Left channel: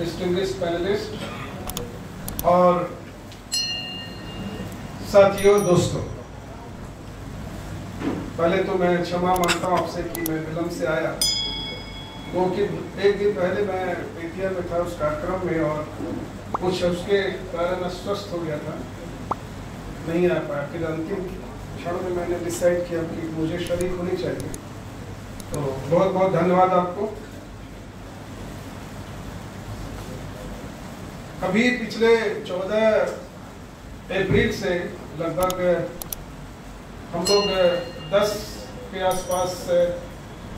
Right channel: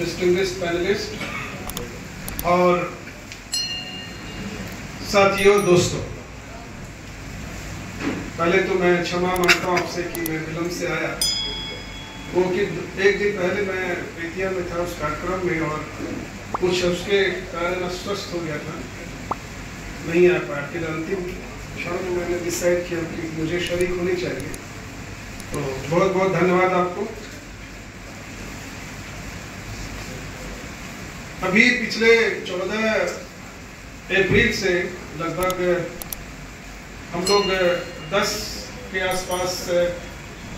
Distinguished panelist और साथियों, दोस्तों, पहले तो मैं क्षमा मांगता हूँ आपसे कि मैं विलम्ब से आया। वो कि एक दिन पहले मैं बेतिया में था उस कार्यक्रम में और कुछ उसके कारण अस्वस्थ हो गया था, नहीं आ पाया। फिर अंतिम क्षण में मैंने डिसाइड किया कि मुझे शरीक होनी चाहिए। तो बहुत बहुत धन्यवाद आपको। अभी पिछले 14 अप्रैल से लगभग हम लोग 10 के आसपास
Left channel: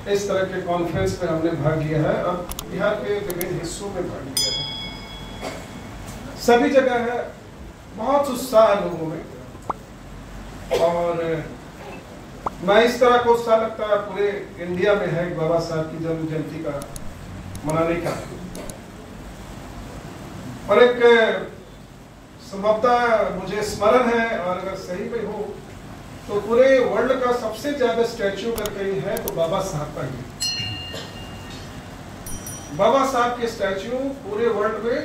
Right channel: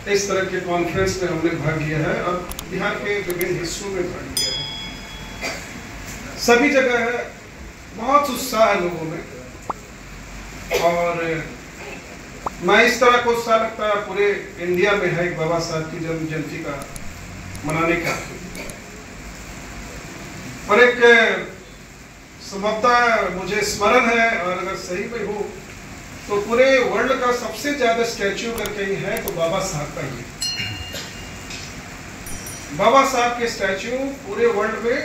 इस तरह के कॉन्फ्रेंस में हमने भाग लिया है और बिहार के विभिन्न हिस्सों में भाग लिया है। सभी जगह है बहुत उत्साह लोगों में, और मैं इस तरह को उत्साह लगता है पूरे इंडिया में है बाबा साहब की जन्म जयंती का मनाने का। और एक संभवतः मुझे स्मरण है, और अगर सही में हो तो पूरे वर्ल्ड का सबसे ज्यादा स्टैच्यू अगर कहीं है तो बाबा साहब का ही। बाबा साहब के स्टैच्यू पूरे वर्ल्ड में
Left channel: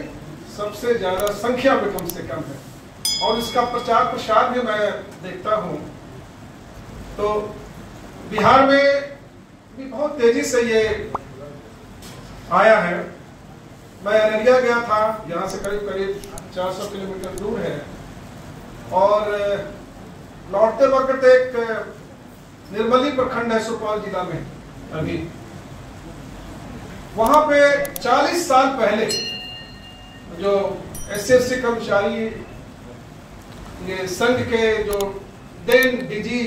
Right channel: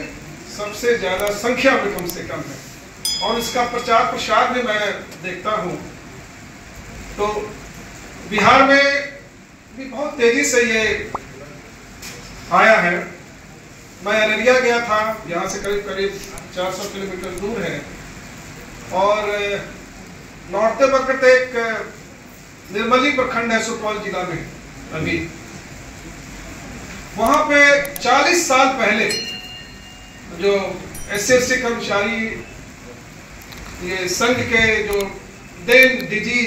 सबसे ज्यादा संख्या में कम से कम है, और इसका प्रचार प्रसार भी मैं देखता हूं। तो बिहार में भी बहुत तेजी से ये आया है। मैं अररिया गया था, यहाँ से करीब करीब 400 किलोमीटर दूर है, और लौटते वक्त एक निर्मली प्रखंड है सुपौल जिला में, अभी वहां पे 40 साल पहले जो एसएससी कर्मचारी ये संघ के जो देन डीजी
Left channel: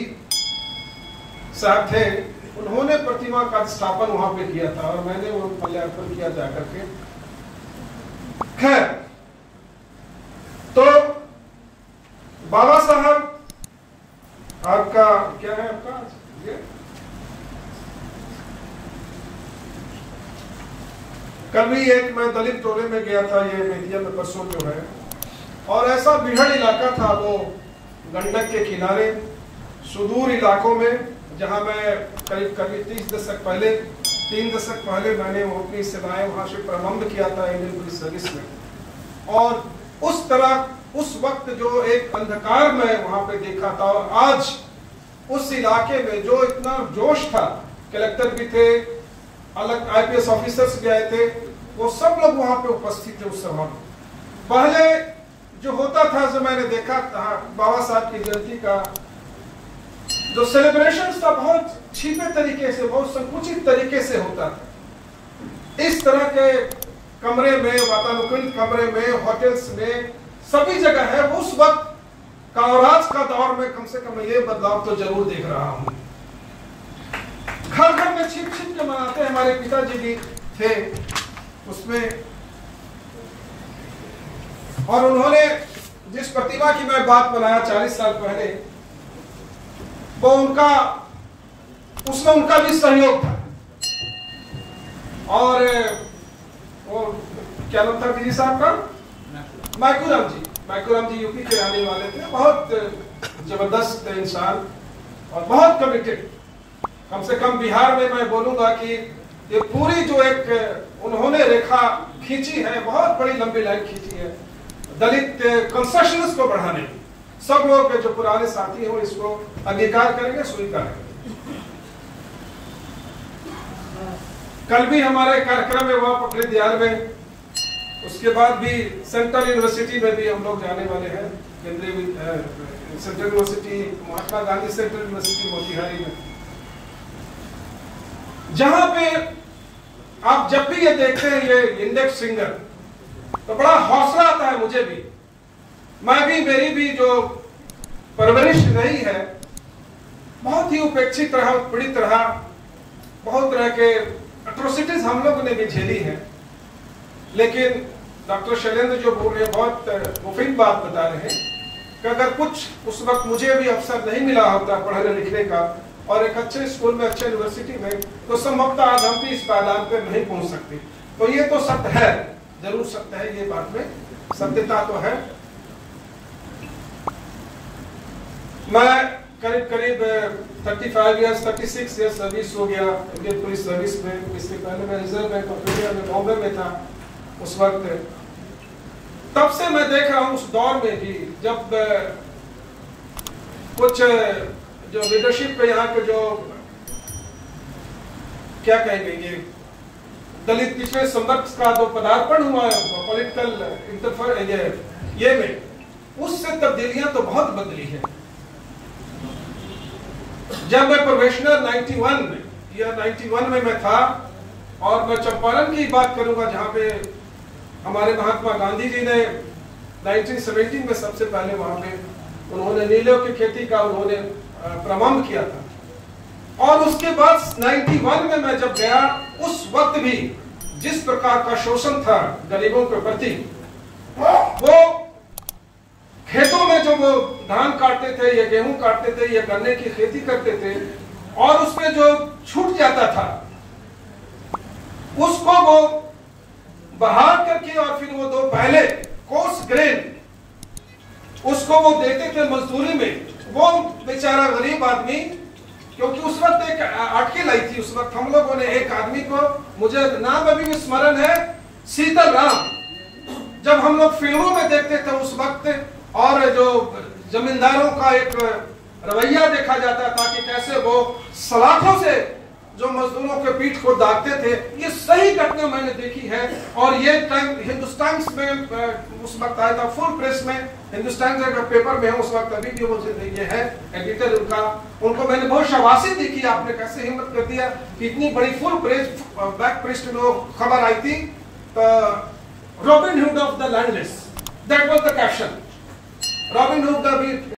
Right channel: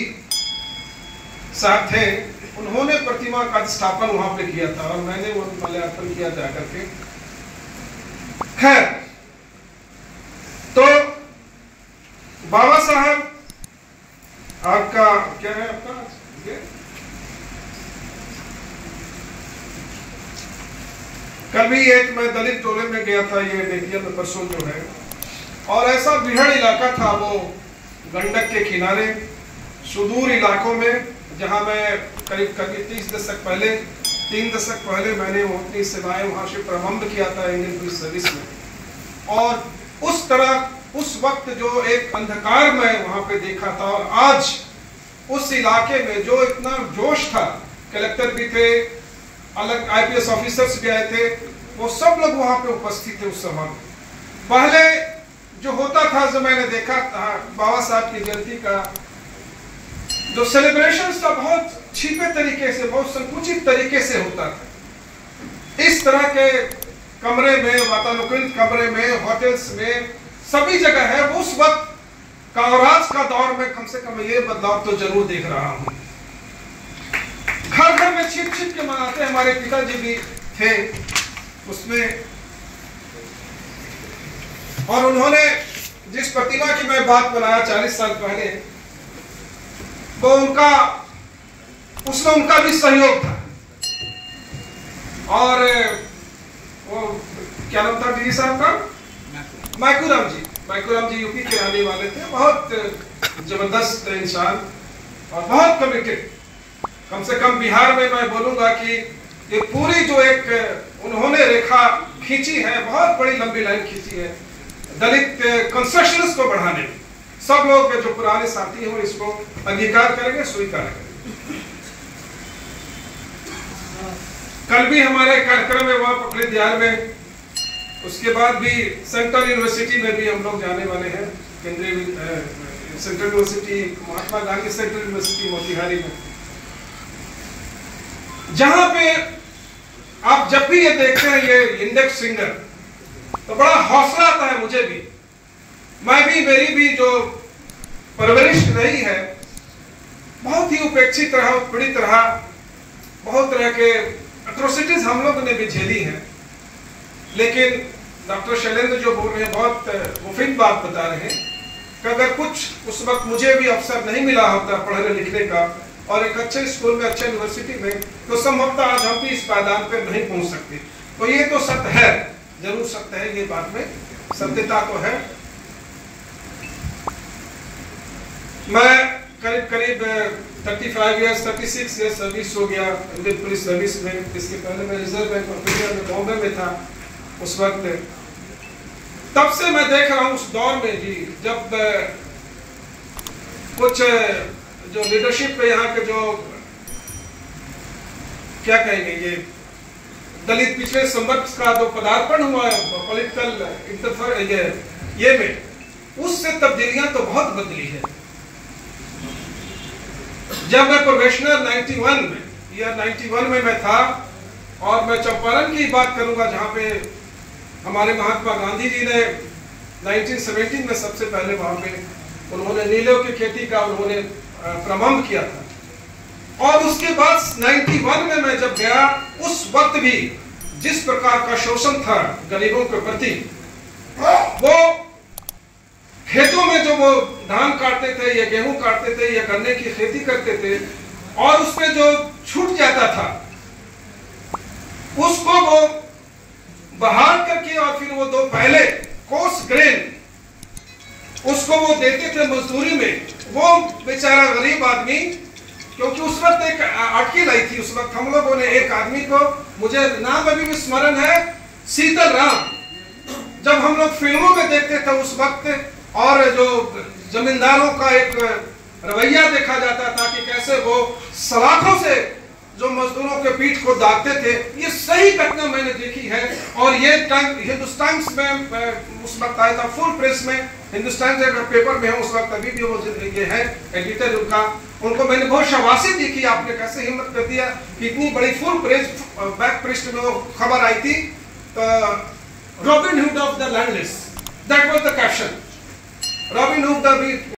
साहब थे, उन्होंने प्रतिमा का स्थापन वहां पे किया था और मैंने वो माल्यार्पण किया जाकर के। खैर, तो बाबा साहब आपका क्या है, आपका कल भी एक मैं दलित टोले में गया था, ये बेतिया में परसों जो है, और ऐसा बिहड़ इलाका था वो गंडक के किनारे सुदूर इलाकों में, जहां मैं करीब करीब 3 दशक पहले मैंने अपनी सेवाएं वहां से प्रारंभ किया था इंडियन पुलिस सर्विस में। और उस तरह उस वक्त जो एक अंधकार में वहां पे देखा था, और आज उस इलाके में जो इतना जोश था, कलेक्टर भी थे, अलग आईपीएस ऑफिसर्स भी आए थे, वो सब लोग वहां पे उपस्थित थे उस सभा में। पहले जो होता था, जो मैंने देखा था बाबा साहब की जयंती का जो सेलिब्रेशन था, बहुत छिपे तरीके से, बहुत संकुचित तरीके से होता था। इस तरह के कमरे में, वातानुकूलित कमरे में, होटल्स में, सभी जगह है। उस वक्त कांग्रेस का दौर में कम से कम ये बदलाव तो जरूर देख रहा हूं। घर घर में छिप छिप के मनाते, हमारे पिताजी भी थे उसमें, और उन्होंने जिस प्रतिमा की मैं बात बनाया 40 साल पहले, वो उसमें उनका भी सहयोग था। और वो क्या नाम था दीदी साहब का, माइकूराम जी यूपी के रहने वाले थे, बहुत जबरदस्त इंसान और बहुत कमिटेड। कम से कम बिहार में मैं बोलूंगा कि ये पूरी जो एक उन्होंने रेखा खींची है, बहुत बड़ी लंबी लाइन खींची है दलित कंसेशंस को बढ़ाने की। सब लोग जो पुराने साथी हो इसको अंगीकार करेंगे, स्वीकार करेंगे। कल भी हमारा कार्यक्रम है वहां पकड़े दियार में, उसके बाद भी सेंट्रल यूनिवर्सिटी में भी हम लोग जाने वाले हैं, केंद्रीय central university, Mahatma Gandhi central university Motihari में, जहां पे आप जब भी ये देखते हैं ये इंडेक्स फिंगर, तो बड़ा हौसला आता है मुझे भी। मैं भी, मेरी भी जो परवरिश रही है, बहुत ही उपेक्षित रहा, पीड़ित रहा, बहुत तरह के एट्रोसिटीज हम लोगों ने भी झेली हैं। लेकिन डॉक्टर शैलेंद्र जो बोल रहे हैं, बहुत मुफीद बात बता रहे हैं कि अगर कुछ उस वक्त मुझे भी अवसर नहीं मिला होता पढ़ने लिखने का और एक अच्छे स्कूल में, अच्छे यूनिवर्सिटी में, तो संभवतः आज हम भी इस पायदान पे नहीं पहुंच सकते। तो ये तो सत्य है, जरूर सत्य है, ये बात में सत्यता तो है। मैं करीब करीब 36 ईयर्स सर्विस हो गया इंडियन पुलिस सर्विस में। इसके पहले मैं रिजर्व बैंक ऑफ इंडिया में बॉम्बे में था, उस वक्त। तब से मैं देख रहा हूं उस दौर में जी, जब कुछ जो लीडरशिप पे यहाँ के जो क्या कहेंगे, ये दलित पिछले संवर्ग का जो पदार्पण हुआ पॉलिटिकल ये में, उससे तब्दीलियां तो बहुत बदली है। जब मैं प्रोफेशनल 91 में मैं था, और मैं चंपारण की बात करूंगा जहां पे हमारे महात्मा गांधी जी ने 1917 में सबसे पहले वहां पे उन्होंने नीलों की खेती का उन्होंने प्रारंभ किया था। और उसके बाद 91 में मैं जब गया, उस वक्त भी जिस प्रकार का शोषण था गरीबों के प्रति, वो खेतों में जो वो धान काटते थे या गेहूं काटते थे या गन्ने की खेती करते थे, और उसमें जो छूट जाता था उसको वो बहाल करके और फिर वो दो पहले कोर्स ग्रेन उसको वो देते थे मजदूरी में। वो बेचारा गरीब आदमी, क्योंकि उस वक्त एक आर्टिकल आई थी, उस वक्त हम लोगों ने एक आदमी को, मुझे नाम अभी भी स्मरण है, शीतल राम, जब हम लोग फिल्मों में देखते थे उस वक्त, और जो जमींदारों का एक रवैया देखा जाता था कि कैसे वो सलाखों से जो मजदूरों के पीठ को दागते थे, ये सही घटना मैंने देखी है। और ये हिंदुस्तान में उस वक्त आया था, फुल प्रेस में, हिंदुस्तान के पेपर में है उस वक्त, अभी भी वो ये है एडिटर उनका, उनको मैंने बहुत शाबाशी दी कि आपने कैसे हिम्मत कर दिया कि इतनी बड़ी फुल प्रेस बैक पृष्ठ में खबर आई थी, robin hood of the landless, that was the caption, robin hood the